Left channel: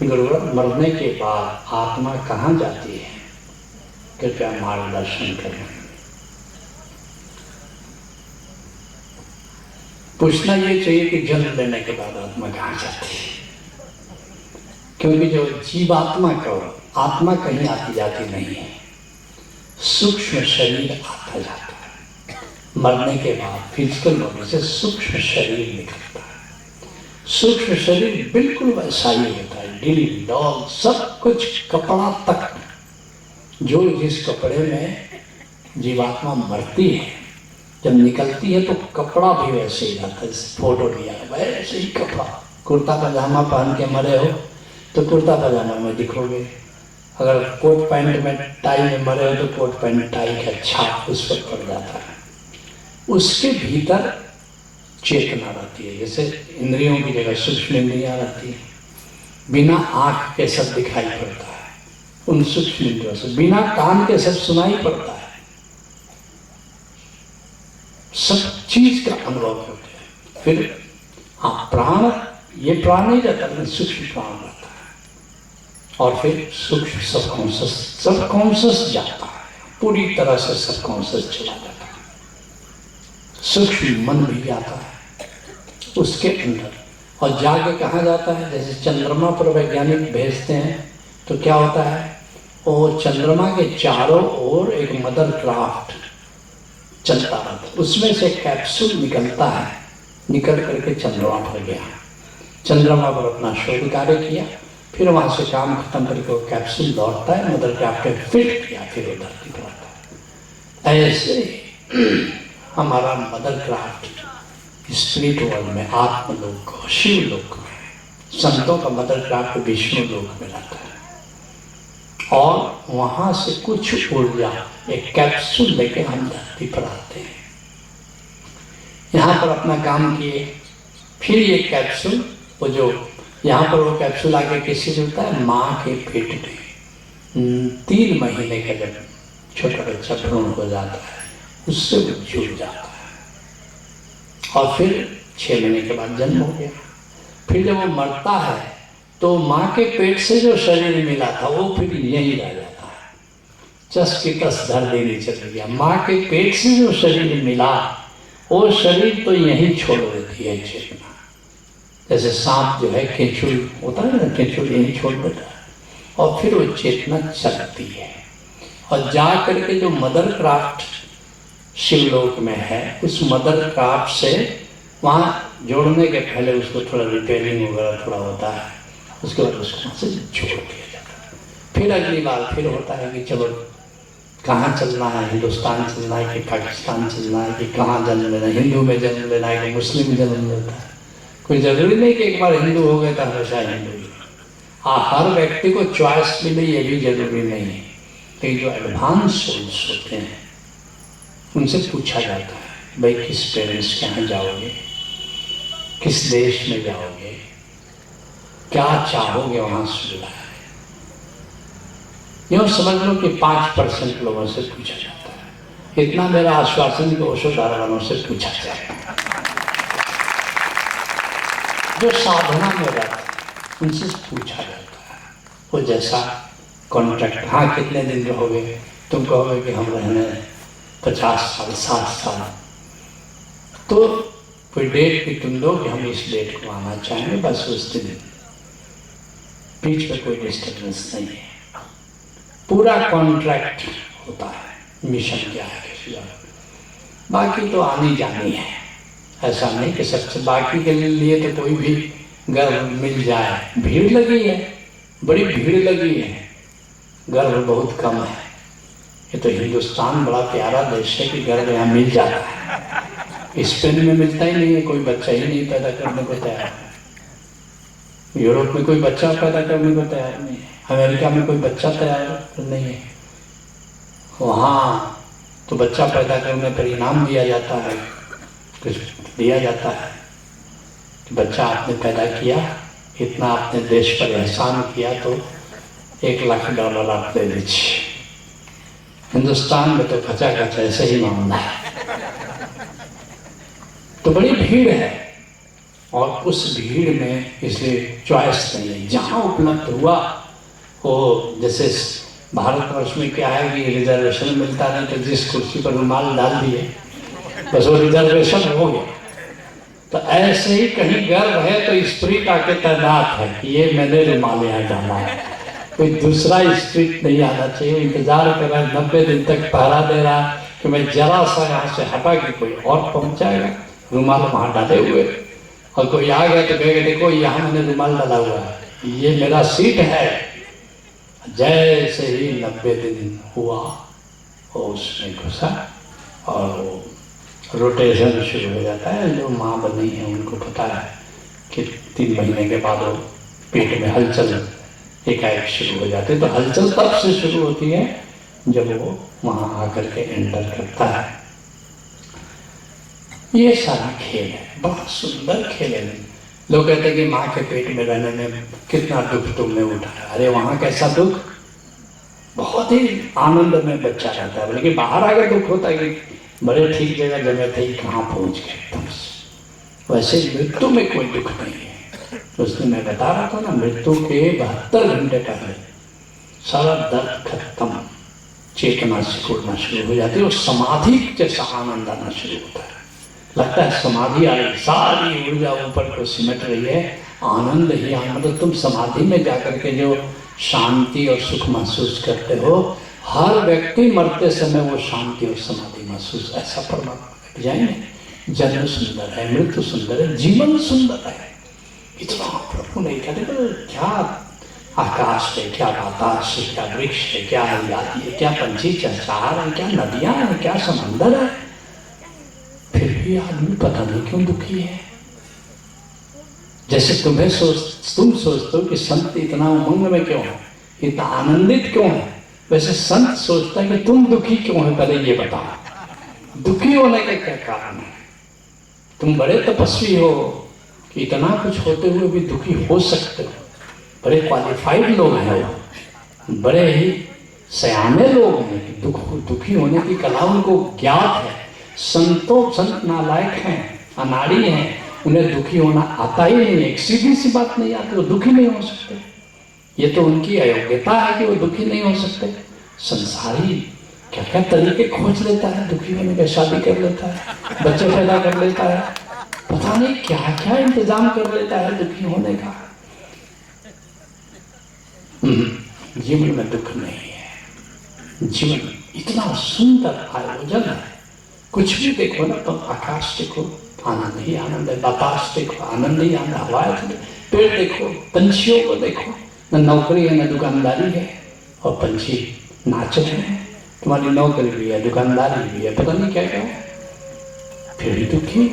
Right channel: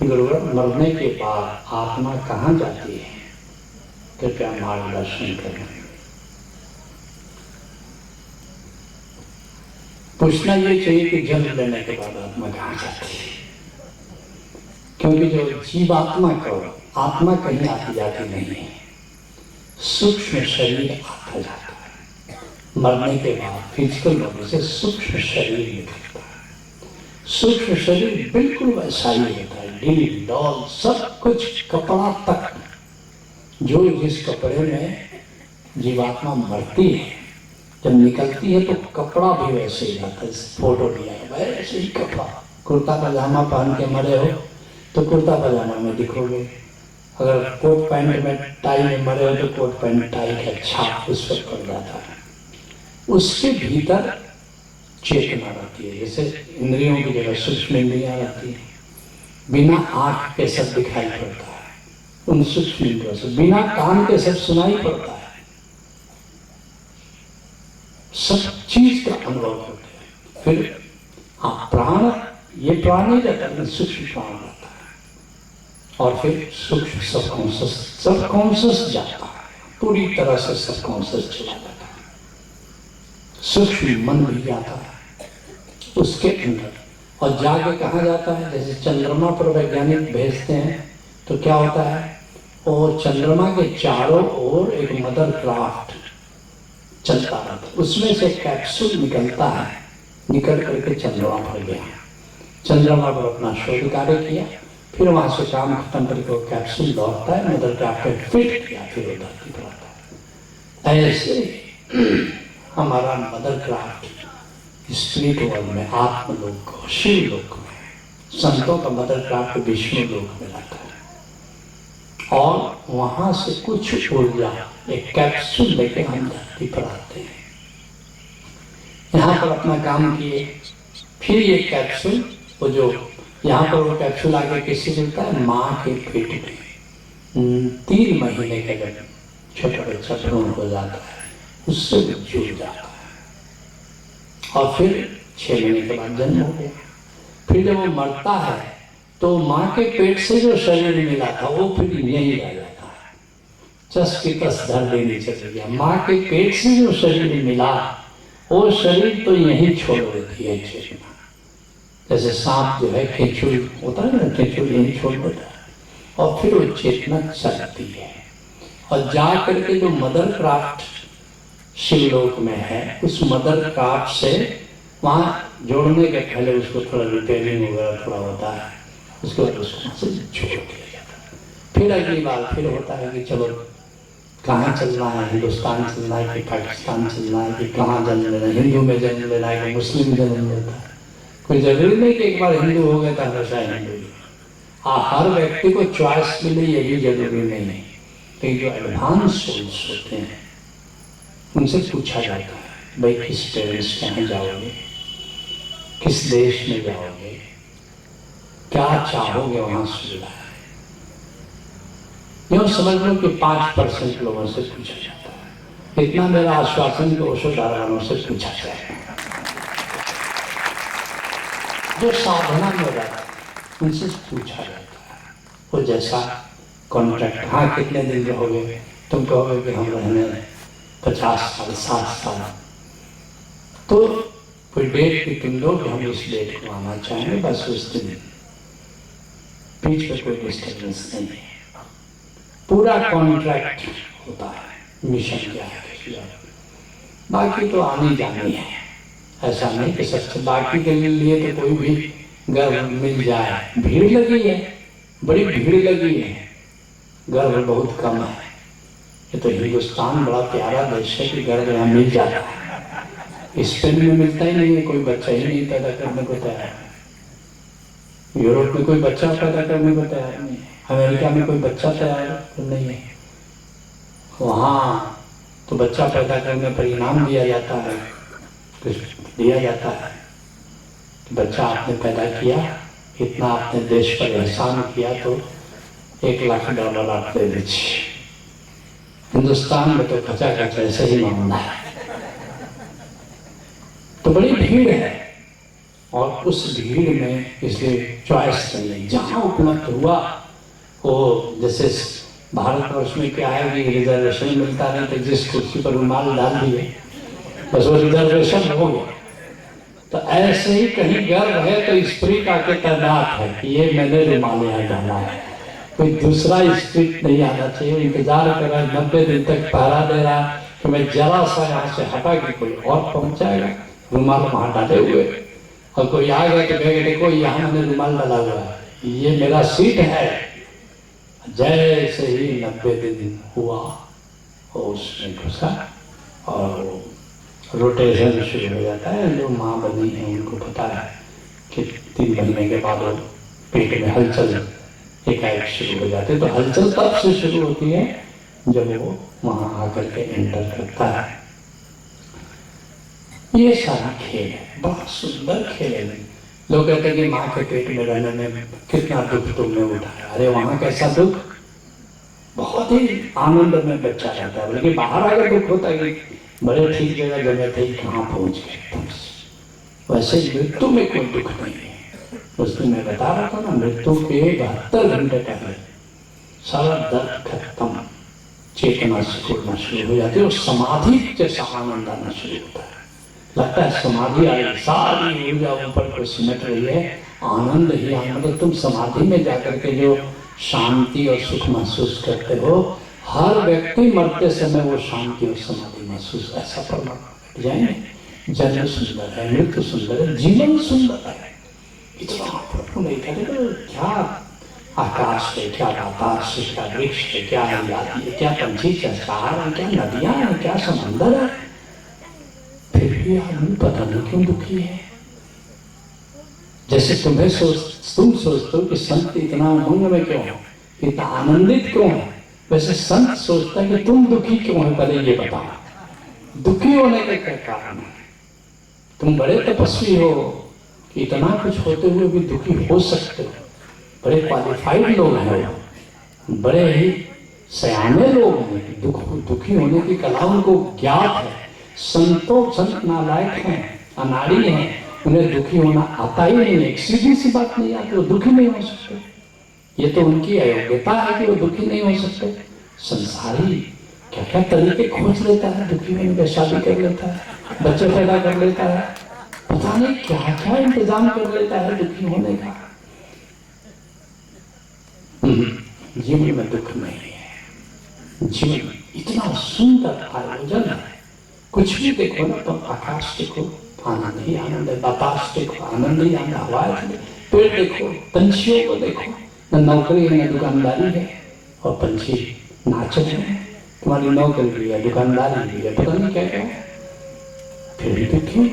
गुरुवर, मरने के बाद आत्मा कहाँ जाती है? कृपया मार्गदर्शन करें। पूछना ये चाहिए कि जन्म लेने के बाद आत्मा कहाँ जाती है, क्योंकि जो जीवात्मा को आत्मा कहीं आती जाती नहीं है, सूक्ष्म शरीर आता जाता है। मरने के बाद फिजिकल बॉडी से सूक्ष्म शरीर निकलता है। सूक्ष्म शरीर बिल्कुल वैसा ही होता है, ढील डॉल सब कुछ, कपड़ा तक। जो जिस कपड़े में जीवात्मा मरती है, जब निकलती है तो कपड़ा भी वैसे ही रहता है। फोटो लिया वैसे ही कपड़ा, कुर्ता पजामा पहन के मरे हो तो कुर्ता पजामा में दिखोगे, अगर कोट पैंट में टाई में मरे हो तो कोट पैंट टाई का छाप उस पर पड़ जाता है। उसके भीतर चेतना रहती है, जैसे इंद्रियों की जगह सूक्ष्म इंद्रियां रहती है। बिना आँख के सब दिखाई पड़ता है उन सूक्ष्म इंद्रियों से, बिना कान के सब सुनाई पड़ता है, सब चीज का अनुभव होता है। फिर हाँ, प्राण, ये प्राण नहीं रहता लेकिन सूक्ष्म प्राण रहता है। और फिर सूक्ष्म सबकॉन्शियस जाता है, पूरी तरह से सबकॉन्शियस चला जाता है। सूक्ष्म मन भी जाता है उसके अंदर, और जाके कहाँ जाता है? जैसे चंद्रमा पर वैज्ञानिक भेजते हैं तो क्या होता है, वो चंद्रमा के चारों ओर एक मदर क्राफ्ट चलता रहता है, उसमें से कैप्सूल निकलता है, निकल करके चंद्रमा पर गया, चंद्रमा पर अपना शोध कार्य किया, फिर वहाँ से काम खत्म करके वो कैप्सूल लौटता है, मदर क्राफ्ट में फिट किया, फिर वो धरती पर आता है। ऐसे हमारा मदर क्राफ्ट स्पिरिट वर्ल्ड में, आत्मलोक को, शिव लोक में, संतों का मदर क्राफ्ट विष्णु लोक में रहता है। और वहाँ से कुछ ऊर्जा एक कैप्सूल लेके हम धरती पर आते हैं, यहाँ पर अपना काम किए, फिर ये कैप्सूल, वो जो यहाँ पर वो कैप्सूल आके किससे जुड़ता है? माँ के पेट में 3 महीने का जब छोटा बच्चा भ्रूण हो जाता है उससे वो जुड़ जाता है, और फिर 6 महीने के बाद जन्म हो गया। फिर जब वो मरता है तो माँ के पेट से जो शरीर मिला था वो फिर यहीं रह जाता है, चस की तस धर देनी चल गया। माँ के पेट से जो शरीर मिला वो शरीर तो यहीं छोड़ देती है चेतना, जैसे सांप जो है केंचुल होता है ना, केंचुल यहीं छोड़ देता है, और फिर वो चेतना चलती है, और जा करके जो मदर क्राफ्ट शिवलोक में है, उस मदर क्राफ्ट से वहाँ जोड़ने के पहले उसको थोड़ा रिपेयरिंग वगैरह थोड़ा होता है, उसके बाद उसको वहाँ से जोड़ दिया जाता है। फिर अगली बार फिर होता है कि चलो कहाँ चलना है, हिंदुस्तान चलना है कि पाकिस्तान चलना है, कि कहाँ जन्म लेना है, हिंदू में जन्म लेना है कि मुस्लिम जन्म लेता है। कोई जरूरी नहीं कि एक बार हिंदू हो गए तो हमेशा हिंदू ही। हाँ, हर व्यक्ति को चॉइस मिले ये भी जरूरी नहीं है, लेकिन जो एडवांस सोल्स होते हैं उनसे पूछा जाता है, भाई किस पेरेंट्स के यहाँ जाओगे, किस देश में जाओगे, क्या चाहोगे वहाँ से मिला है। यूँ समझ लो कि 5% लोगों से पूछा जाता है। इतना मेरा आश्वासन कि ओशोधारा वालों से पूछा जाता है। जो साधना में रहते हैं उनसे पूछा जाता है, वो जैसा कॉन्ट्रैक्ट, हाँ कितने दिन रहोगे, तुम कहोगे कि हम रहने 50 साल 60 साल, तो कोई डेट भी तुम दो कि हम इस डेट को आना चाहेंगे, बस उस दिन, बीच में कोई डिस्टर्बेंस नहीं है, पूरा कॉन्ट्रैक्ट होता है। मिशन क्या है, बाकी तो आनी जानी है, ऐसा नहीं कि सबसे बाकी के लिए तो कोई भी गर्भ मिल जाए। भीड़ लगी है, बड़ी भीड़ लगी है, गर्भ बहुत कम है। ये तो हिंदुस्तान बड़ा प्यारा देश है कि गर्भ यहाँ मिल जाता है, स्पेन में मिलता ही नहीं है, कोई बच्चा ही नहीं पैदा करने को तैयार है, यूरोप में कोई बच्चा पैदा करने को तैयार नहीं है, अमेरिका में कोई बच्चा तैयार नहीं है। वहाँ तो बच्चा पैदा करने पर इनाम दिया जाता है, कुछ दिया जाता है कि बच्चा आपने पैदा किया, इतना आपने देश पर एहसान किया तो $1 लाख आप दे दीजिए। हिंदुस्तान में तो खचा खचा ऐसे ही मामला है, तो बड़ी भीड़ है। और उस भीड़ में इसलिए चॉइस नहीं है, जहाँ उपलब्ध हुआ वो, जैसे भारतवर्ष में क्या है कि रिजर्वेशन मिलता नहीं, तो जिस कुर्सी पर रुमाल डाल दिए बस वो रिजर्वेशन हो गया। तो ऐसे ही कहीं गर्व है तो स्प्रिट आके तैनात है कि ये मैंने रुमाल यहाँ डाला है, कोई दूसरा स्प्रिट नहीं आना चाहिए। इंतजार कर रहा है, 90 दिन तक पहरा दे रहा है कि मैं जरा सा यहाँ से हटा के कोई और पहुंच जाएगा, रुमाल वहां डाले हुए, और कोई आ गया तो कहेगा देखो यहाँ मैंने रुमाल डाला हुआ है, ये मेरा सीट है। जैसे ही 90 दिन हुआ वो उसमें घुसा और रोटेशन शुरू हो जाता है। जो माँ बनी है उनको पता है कि 3 महीने के बाद वो पेट में हलचल एकाएक शुरू हो जाती है। तो हलचल तब से शुरू होती है जब वो वहाँ आकर के एंटर करता है। ये सारा खेल है, बड़ा सुंदर खेल है। लोग कहते हैं कि माँ के पेट में रहने में कितना दुख तुमने उठाया। अरे वहाँ कैसा दुख, बहुत ही आनंद में बच्चा रहता है, बल्कि बाहर आकर दुख होता है कि बड़े ठीक जगह जमे थे, कहाँ पहुँच गए एकदम से। वैसे मृत्यु में कोई दुख नहीं है। उस दिन मैं बता रहा था ना, मृत्यु के 72 घंटे पहले सारा दर्द खत्म, चेतना सिकुड़ना शुरू हो जाती है और समाधि जैसा आनंद आना शुरू होता है। लगता है समाधि आ रही, सारी ऊर्जा ऊपर को सिमट रही है, आनंद ही आनंद। तुम समाधि में जाकर के जो शांति और सुख महसूस करते हो, हर व्यक्ति मरते समय वो शांति और समाधि महसूस, ऐसा परमात्मा जाएंगे। जन्म सुंदर है, मृत्यु सुंदर है, जीवन सुंदर है। इतना प्रभु नहीं कहते तो क्या आकाश है, क्या बाताश है, क्या वृक्ष है, क्या हरियाली है, क्या पंछी चहचहार है, क्या नदियां हैं, क्या समंदर है। फिर भी आदमी पता नहीं क्यों दुखी है। जैसे तुम सोचते हो कि संत इतना उमंग में क्यों है, इतना आनंदित क्यों है, वैसे संत सोचता है कि तुम दुखी क्यों है, पहले ये बताओ। दुखी होने का क्या कारण है? तुम बड़े तपस्वी हो कि इतना कुछ होते हुए भी दुखी हो सकते हो। बड़े क्वालिफाइड लोग हैं वो, बड़े ही सयाने लोग हैं कि दुखी होने की कला उनको ज्ञात है। संत नालायक हैं, अनाड़ी हैं, उन्हें दुखी होना आता ही नहीं है। एक सीधी सी बात नहीं आती, वो दुखी नहीं हो सकते। ये तो उनकी अयोग्यता है कि वो दुखी नहीं हो सकते। संसारी क्या क्या तरीके खोज लेता है दुखी होने का, शादी कर लेता है, बच्चे पैदा कर लेता है, पता नहीं क्या क्या इंतजाम कर लेता है दुखी होने का। जीवन में दुख नहीं है। जीवन इतना सुंदर आयोजन है। कुछ भी देखो ना, तो आकाश देखो आनंद ही आनंद है, बतास देखो आनंद ही आनंद, हवाएं पेड़ देखो, पंछियों को देखो, न नौकरी है न दुकानदारी है, और पंछी नाच रहे हैं। तुम्हारी नौकरी भी है, दुकानदारी भी है, पता नहीं क्या क्या है, फिर भी दुखी।